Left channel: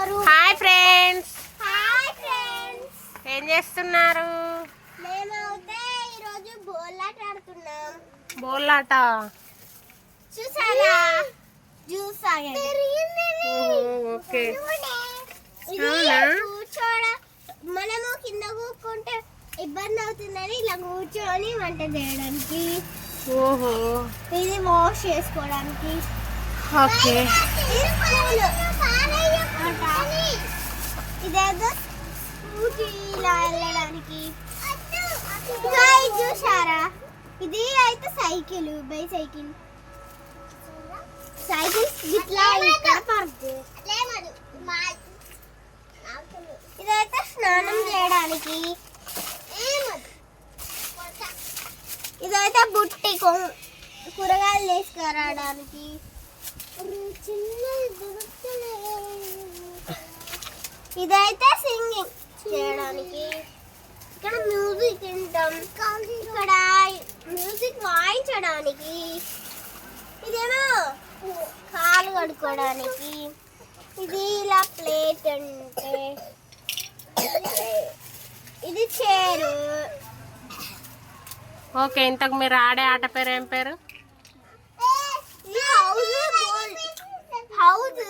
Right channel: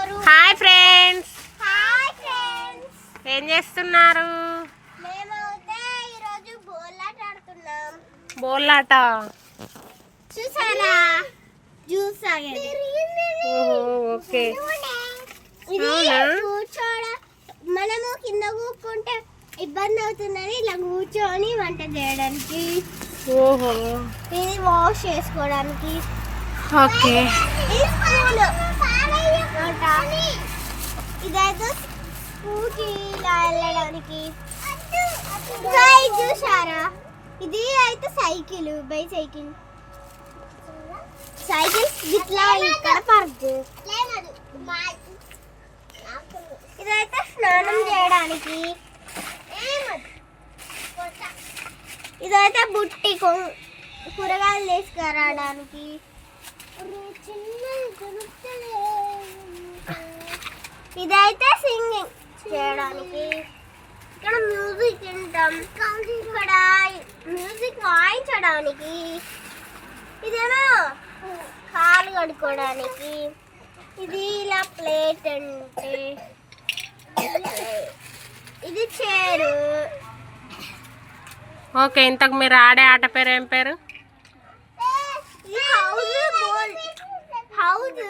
Hi friends hi friends ఏం చేస్తున్నారు? బోలాట చూసారా? Juice okay? కూర్చోడ మనము కింద కూర్చుంటే ఇబ్బంది అవుతుందని ఇలా కూర్చొని వంట చేయడానికి. ఓహో. ఇది వాష్ చేసుకోవడానికి. ఓకే. ఇది ఇదేదో స్కూటీ ఇలా వెళ్ళడానికి. ఇంకా ఇది చూసారా ఇది అయితే సైకిల్ బై సైకిల్ సైకిల్ ఇట్లా ఇక్కడ పార్క్ ఇదైతే స్నానం చేయడానికి. ఇదైతే బుట్టి కూరగాయలు తీసుకురావడానికి. ఇదైతే సింగింగ్ చేయడానికి. ఇక్కడ మ్యూజిక్ వింటాం. ఇక్కడ మ్యూజిక్ వాయించడానికి. ఇదేమో కాలు కడుక్కోవడానికి ఇది ఇలా ప్లేట్ అంటే. ఇది చైరు. ఓకే ఇంతకు మీరు ఆడే ఆట పేరు ఏం పేరు? ఈ హౌస్ హౌస్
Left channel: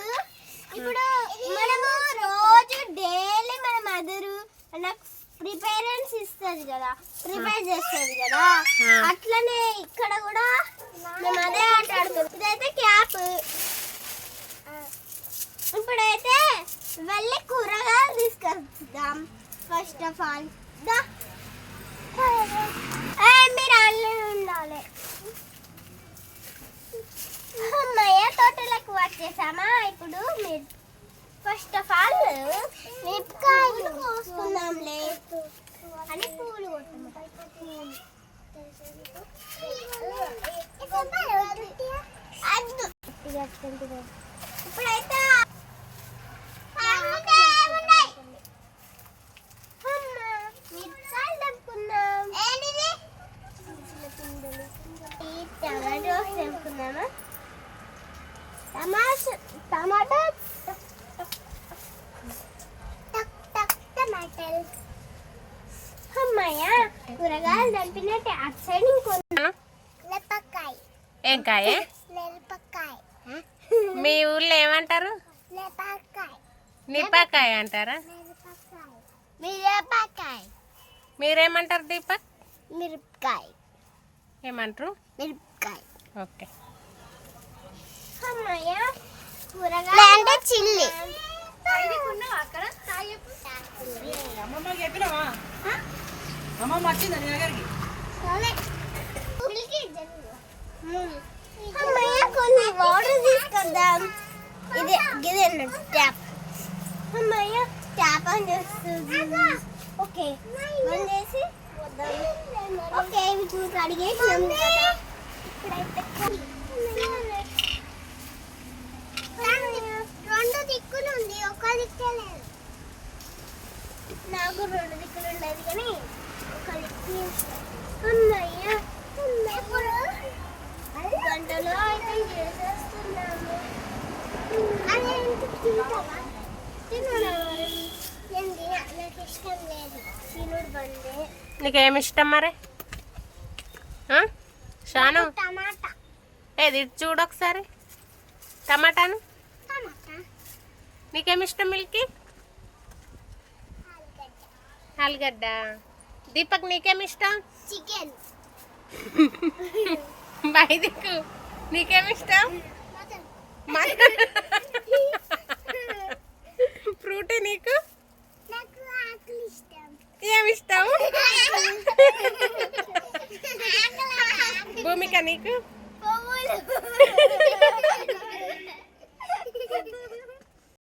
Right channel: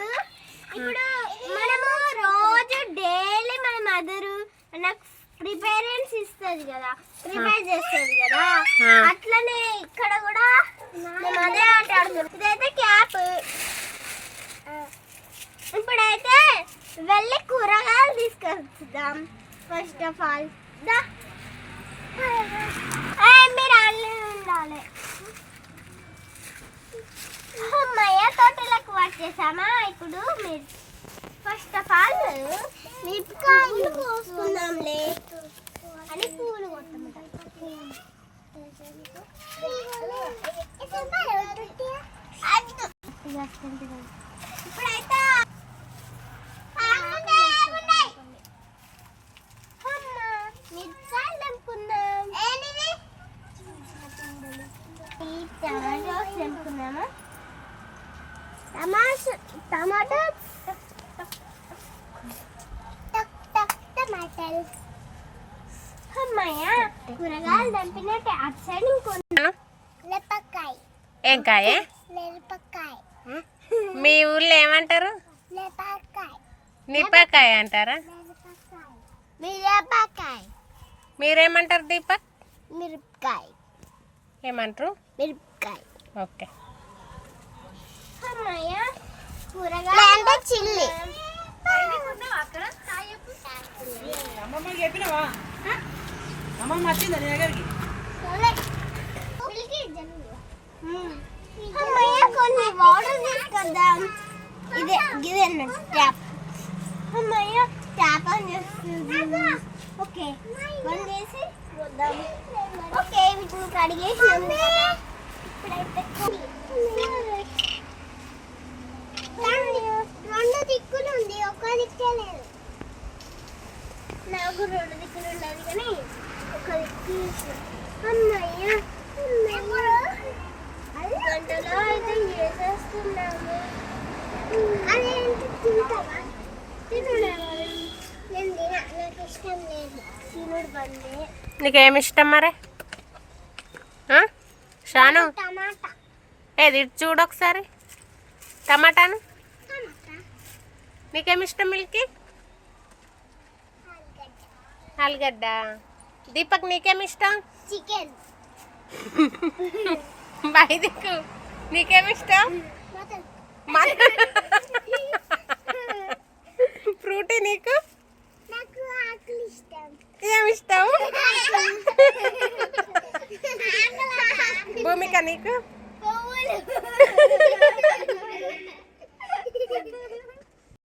ఇప్పుడు మనము రోజు డైలీ మన మదరు నాకు ప్రిపేరెన్స్ ఇస్తుంది కదా ప్రిపేర్ చేస్తుంది కదా. అట్లనే ఇక్కడ కూడా మేము అదే ఆట ఆడుతున్నాం ఇదైతే క్యాప్ ఇప్పుడైతే వెళ్ళి కూరగాయలు తీసుకొద్దాం ఫస్ట్ ఆఫ్ ఆల్ దా ఏయ్, మీరు ఆన్లైన్ ఉండాలి అమ్మయ్య తోటలకు వచ్చేసామా ఇప్పుడు మీరు ఫస్ట్ ఆఫ్ ఆల్ మిరపకాయలు కోసుకుందాంలే. అని పూలు ఇప్పుడైతే మిరపకాయలు టమాటో. టమాటాలు. అమ్మయ్య కూరగాయలు దంపినట్టు అటు సైడ్ ఇంకో మిరపకాయ ఏం కాయే? మిరపకాయ మీ ఊళ్ళో ఏమంటారు? మిరపకాయ నిపాకాయ అంటారా? మిరపకాయ మీరేమంటారు దీపక్? మిరపకాయ. ఏమంటారు? మిరపకాయ. ఓకే. అంటే చిల్లి. కొన్ని వాటర్ తీసుకొద్దాం. ఇది ఇది ట్యాప్ అమ్మయ్య ట్యాప్ ఆన్ చేస్తుంది. ఓకే చేసి ఓకే కదా. ఇప్పుడైతే కొన్ని- రెండు దిక్కులు నాకు రెండు దిక్కులు ఉన్నది కానీ ఒక దిక్కు అమ్మయ్య గంటలో అయితే చేసేస్తున్నాము. నేను తిన? నాకు ఇష్టం లేదు. తినుడు బందే నీకేమి ఇష్టం మరి? షాను? టమాటా. ఏది? చూడు ఒకసారి. టమాటాను? టమాటా నీకేమి ఇష్టం మిల్కి? ఆలుగడ్డ. దీపక్ నీకేమి ఇష్టం చికెన్. బాయ్ దిక్కు నీకేమి ఇష్టం మటన్. ఫ్రూటీ నీకు? ఏమి ఇష్టం. భూమిక నీకు?